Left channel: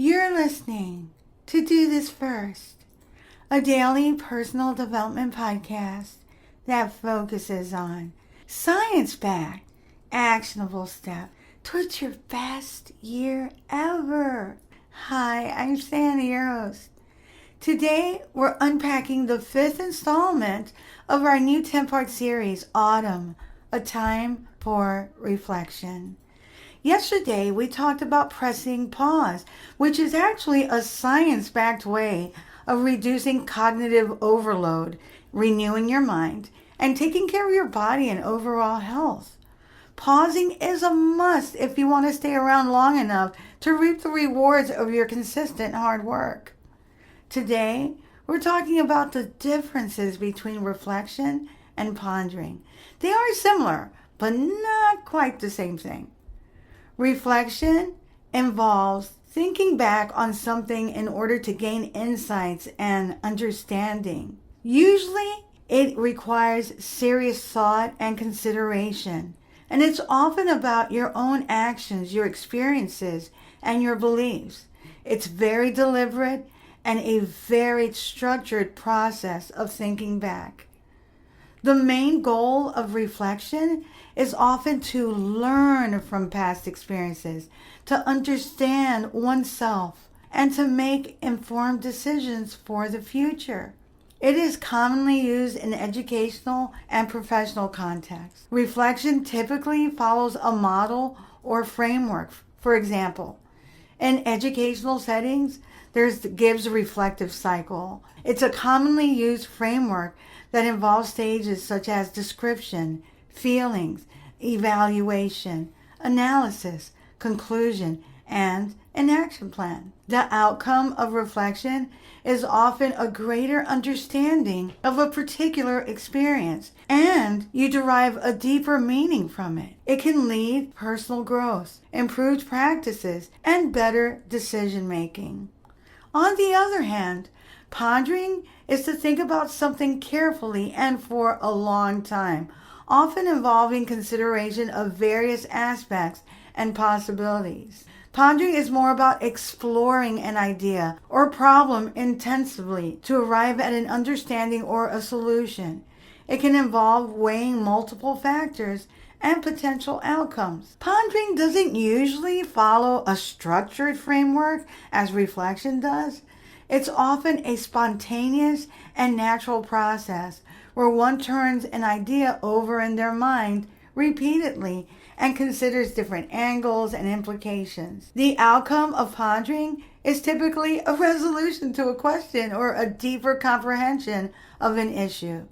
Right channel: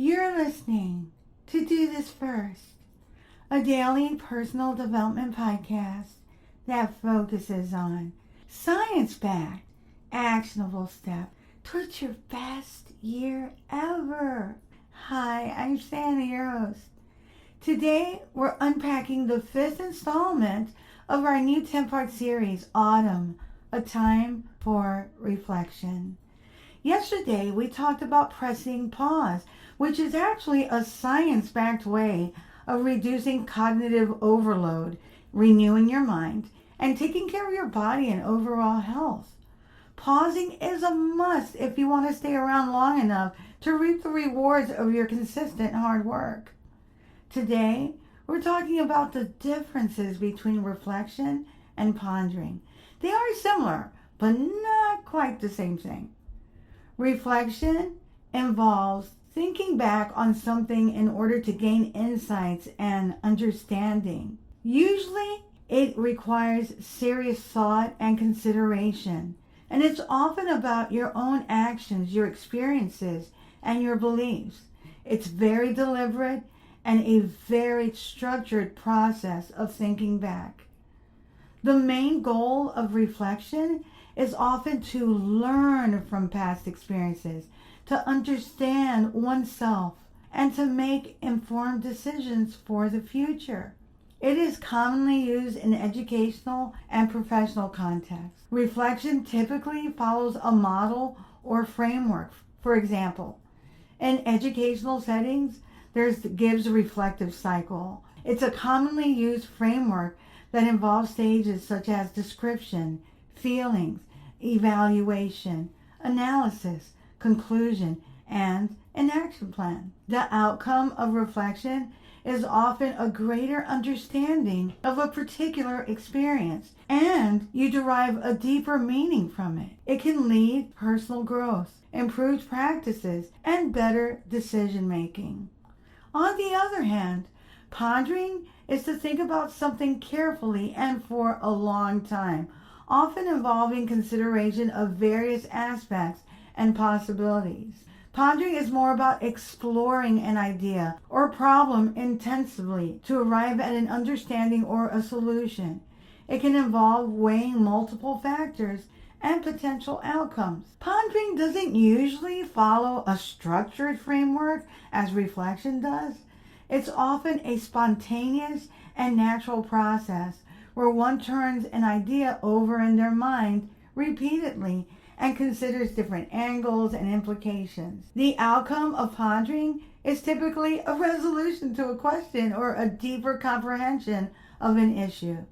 You're listening to Do This First, a daily personal development podcast that focuses on science-backed, actionable steps towards your best year ever. Hi, I'm Sandy, your host. Today, we're unpacking the 5th installment of our new 10-part series, Autumn, A Time for Reflection. Yesterday, we talked about pressing pause, which is actually a science-backed way of reducing cognitive overload, renewing your mind, and taking care of your body and overall health. Pausing is a must if you want to stay around long enough to reap the rewards of your consistent hard work. Today, we're talking about the differences between reflection and pondering. They are similar, but not quite the same thing. Reflection involves thinking back on something in order to gain insights and understanding. Usually, it requires serious thought and consideration, and it's often about your own actions, your experiences, and your beliefs. It's very deliberate and a very structured process of thinking back. The main goal of reflection is often to learn from past experiences, to understand oneself, and to make informed decisions for the future. It is commonly used in educational and professional contexts. Reflection typically follows a model or framework. For example, in educational settings, there's the Gibbs reflective cycle. It's a commonly used framework that involves stages such as description, feelings, evaluation, analysis, conclusion, and an action plan. The outcome of reflection is often a greater understanding of a particular experience, and you derive a deeper meaning from it. It can lead personal growth, improved practices, and better decision making. On the other hand, pondering is to think about something carefully and for a long time, often involving consideration of various aspects and possibilities. Pondering is more about exploring an idea or problem intensively to arrive at an understanding or a solution. It can involve weighing multiple factors and potential outcomes. Pondering doesn't usually follow a structured framework as reflection does. It's often a spontaneous and natural process where one turns an idea over in their mind repeatedly and considers different angles and implications. The outcome of pondering is typically a resolution to a question or a deeper comprehension of an issue.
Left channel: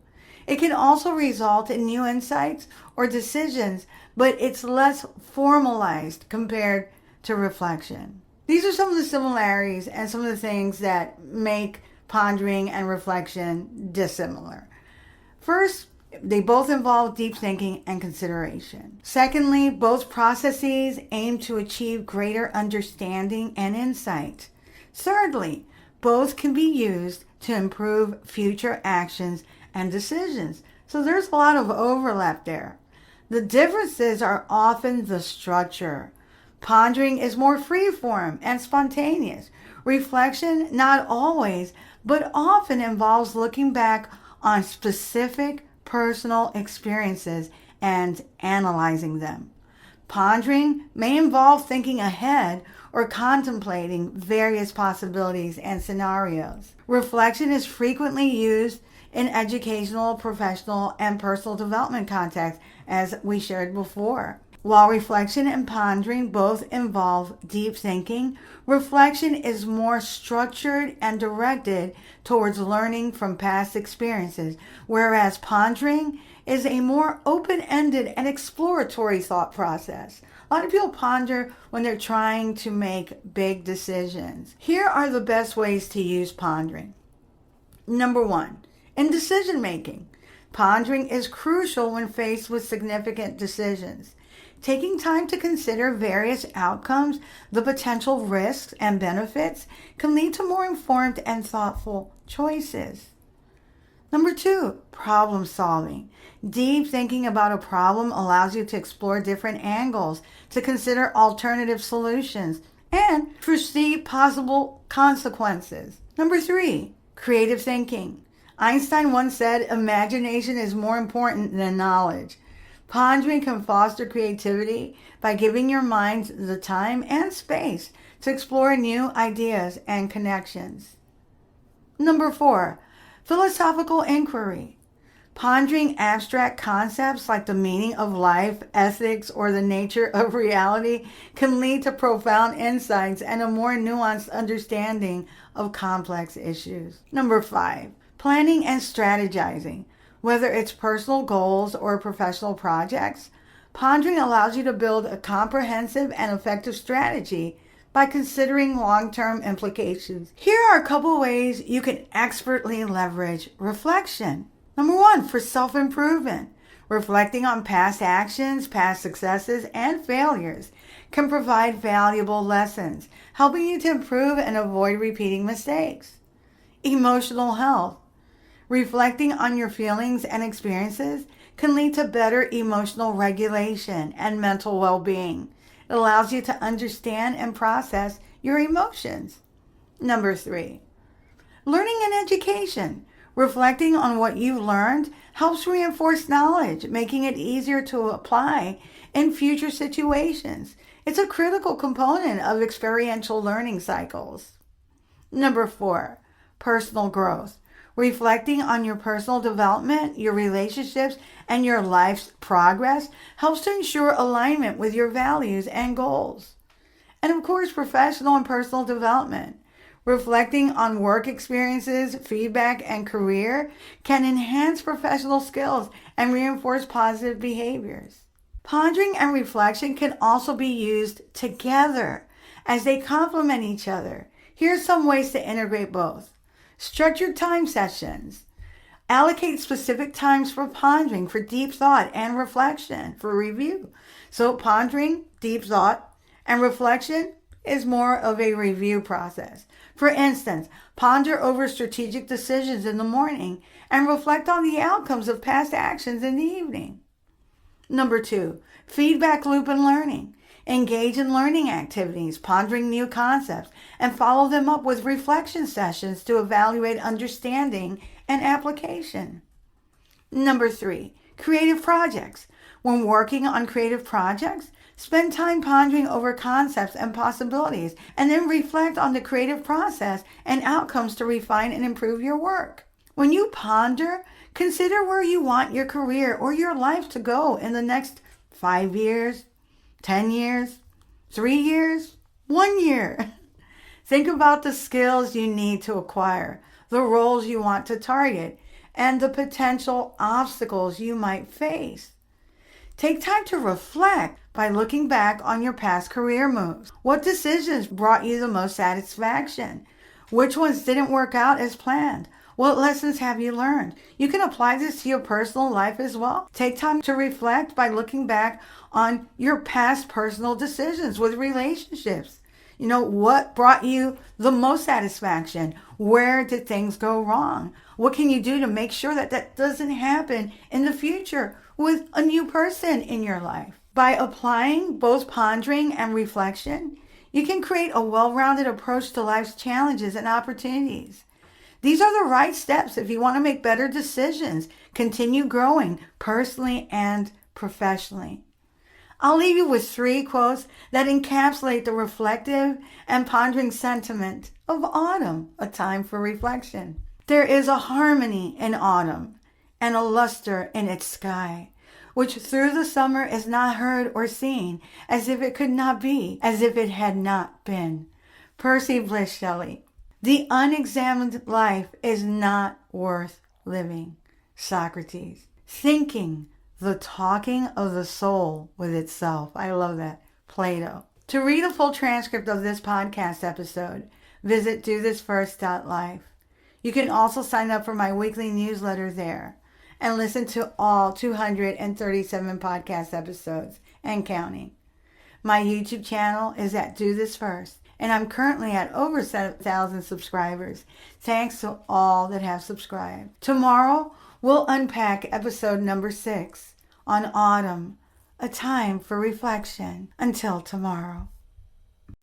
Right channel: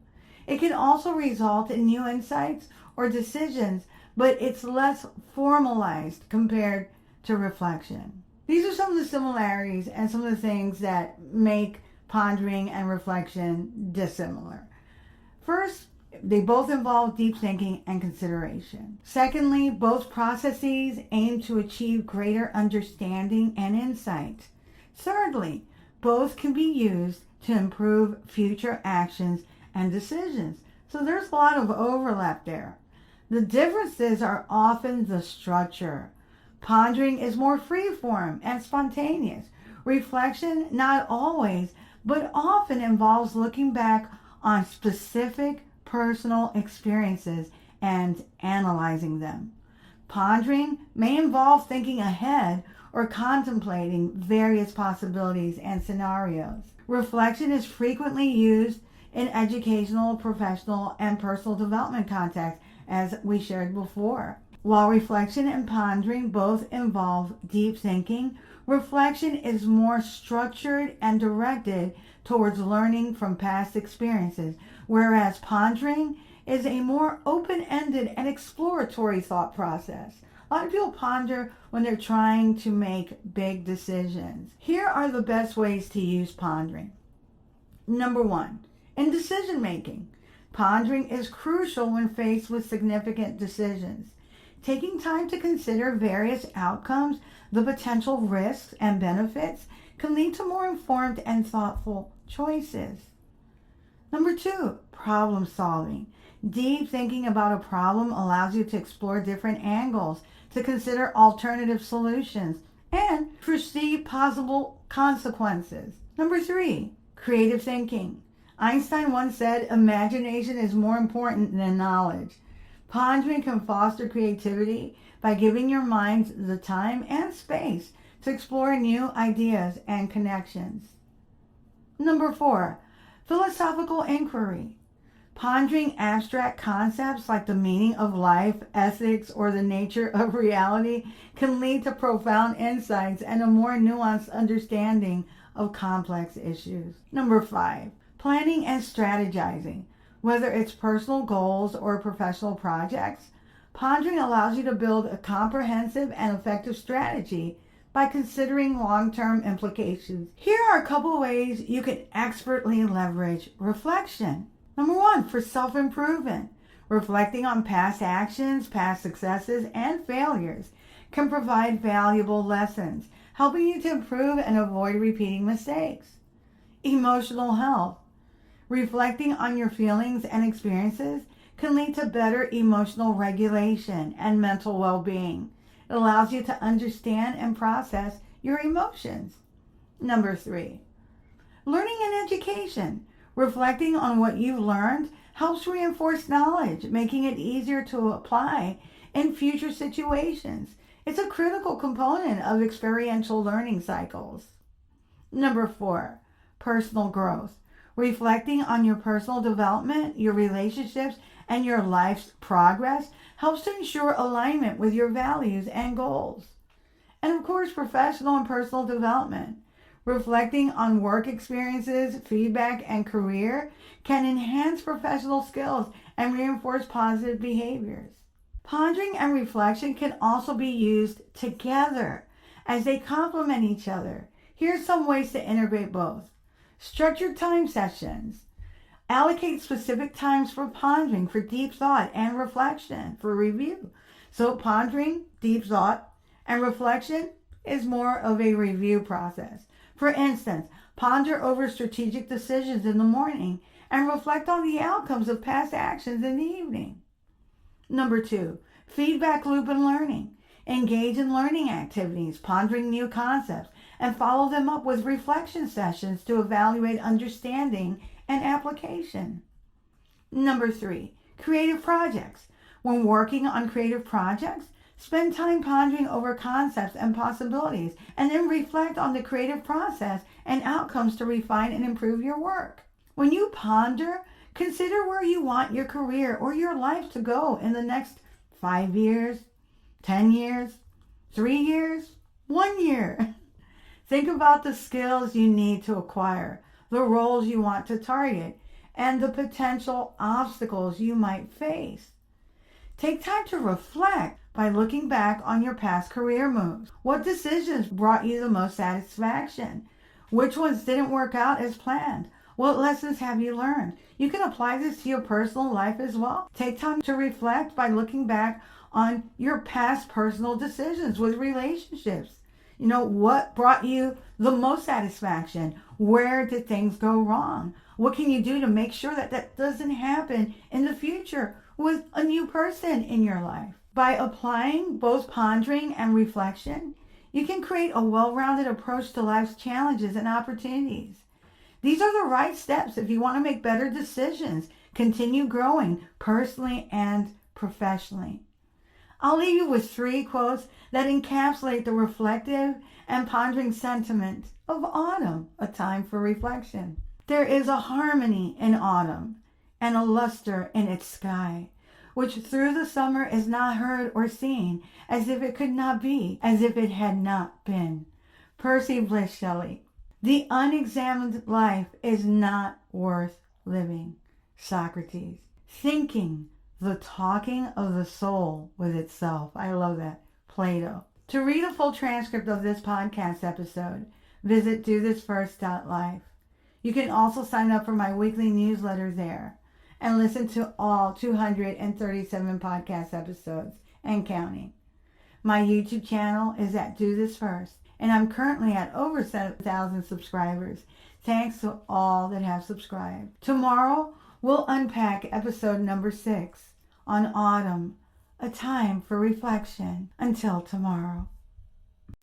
It can also result in new insights or decisions, but it's less formalized compared to reflection. These are some of the similarities and some of the things that make pondering and reflection dissimilar. First, they both involve deep thinking and consideration. Secondly, both processes aim to achieve greater understanding and insight. Thirdly, both can be used to improve future actions and decisions. So there's a lot of overlap there. The differences are often the structure. Pondering is more free-form and spontaneous. Reflection, not always, but often involves looking back on specific personal experiences and analyzing them. Pondering may involve thinking ahead or contemplating various possibilities and scenarios. Reflection is frequently used in educational, professional, and personal development contexts, as we shared before. While reflection and pondering both involve deep thinking, reflection is more structured and directed towards learning from past experiences, whereas pondering is a more open-ended and exploratory thought process. A lot of people ponder when they're trying to make big decisions. Here are the best ways to use pondering. Number 1, in decision making. Pondering is crucial when faced with significant decisions. Taking time to consider various outcomes, the potential risks and benefits can lead to more informed and thoughtful choices. Number 2, problem solving. Deep thinking about a problem allows you to explore different angles, to consider alternative solutions, and foresee possible consequences. Number 3, creative thinking. Einstein once said, imagination is more important than knowledge. Pondering can foster creativity by giving your mind the time and space to explore new ideas and connections. Number 4, philosophical inquiry. Pondering abstract concepts like the meaning of life, ethics, or the nature of reality can lead to profound insights and a more nuanced understanding of complex issues. Number 5, planning and strategizing. Whether it's personal goals or professional projects, pondering allows you to build a comprehensive and effective strategy by considering long-term implications. Here are a couple ways you can expertly leverage reflection. Number 1, for self-improvement. Reflecting on past actions, past successes, and failures can provide valuable lessons, helping you to improve and avoid repeating mistakes. Emotional health. Reflecting on your feelings and experiences can lead to better emotional regulation and mental well-being. It allows you to understand and process your emotions. Number 3, learning and education. Reflecting on what you've learned helps reinforce knowledge, making it easier to apply in future situations. It's a critical component of experiential learning cycles. Number 4, personal growth. Reflecting on your personal development, your relationships, and your life's progress helps to ensure alignment with your values and goals. And of course, professional and personal development. Reflecting on work experiences, feedback, and career can enhance professional skills and reinforce positive behaviors. Pondering and reflection can also be used together as they complement each other. Here's some ways to integrate both. Structured time sessions. Allocate specific times for pondering, for deep thought and reflection, for review. So pondering, deep thought, and reflection is more of a review process. For instance, ponder over strategic decisions in the morning and reflect on the outcomes of past actions in the evening. Number 2, feedback loop and learning. Engage in learning activities, pondering new concepts, and follow them up with reflection sessions to evaluate understanding and application. Number 3, creative projects. When working on creative projects, spend time pondering over concepts and possibilities, and then reflect on the creative process and outcomes to refine and improve your work. When you ponder, consider where you want your career or your life to go in the next 5 years, 10 years, 3 years, 1 year. Think about the skills you need to acquire, the roles you want to target, and the potential obstacles you might face. Take time to reflect by looking back on your past career moves. What decisions brought you the most satisfaction? Which ones didn't work out as planned? What lessons have you learned? You can apply this to your personal life as well. Take time to reflect by looking back on your past personal decisions with relationships. What brought you the most satisfaction? Where did things go wrong? What can you do to make sure that that doesn't happen in the future with a new person in your life? By applying both pondering and reflection, you can create a well-rounded approach to life's challenges and opportunities. These are the right steps if you want to make better decisions, continue growing personally and professionally. I'll leave you with 3 quotes that encapsulate the reflective and pondering sentiment of autumn, a time for reflection. There is a harmony in autumn and a luster in its sky, which through the summer is not heard or seen, as if it could not be, as if it had not been. Percy Bysshe Shelley. The unexamined life is not worth living. Socrates. Thinking, the talking of the soul with itself. I love that. Plato. To read a full transcript of this podcast episode, visit dothisfirst.life. You can also sign up for my weekly newsletter there and listen to all 237 podcast episodes and counting. My YouTube channel is at Do This First, and I'm currently at over 7,000 subscribers. Thanks to all that have subscribed. Tomorrow, we'll unpack episode number 6 on autumn, a time for reflection. Until tomorrow.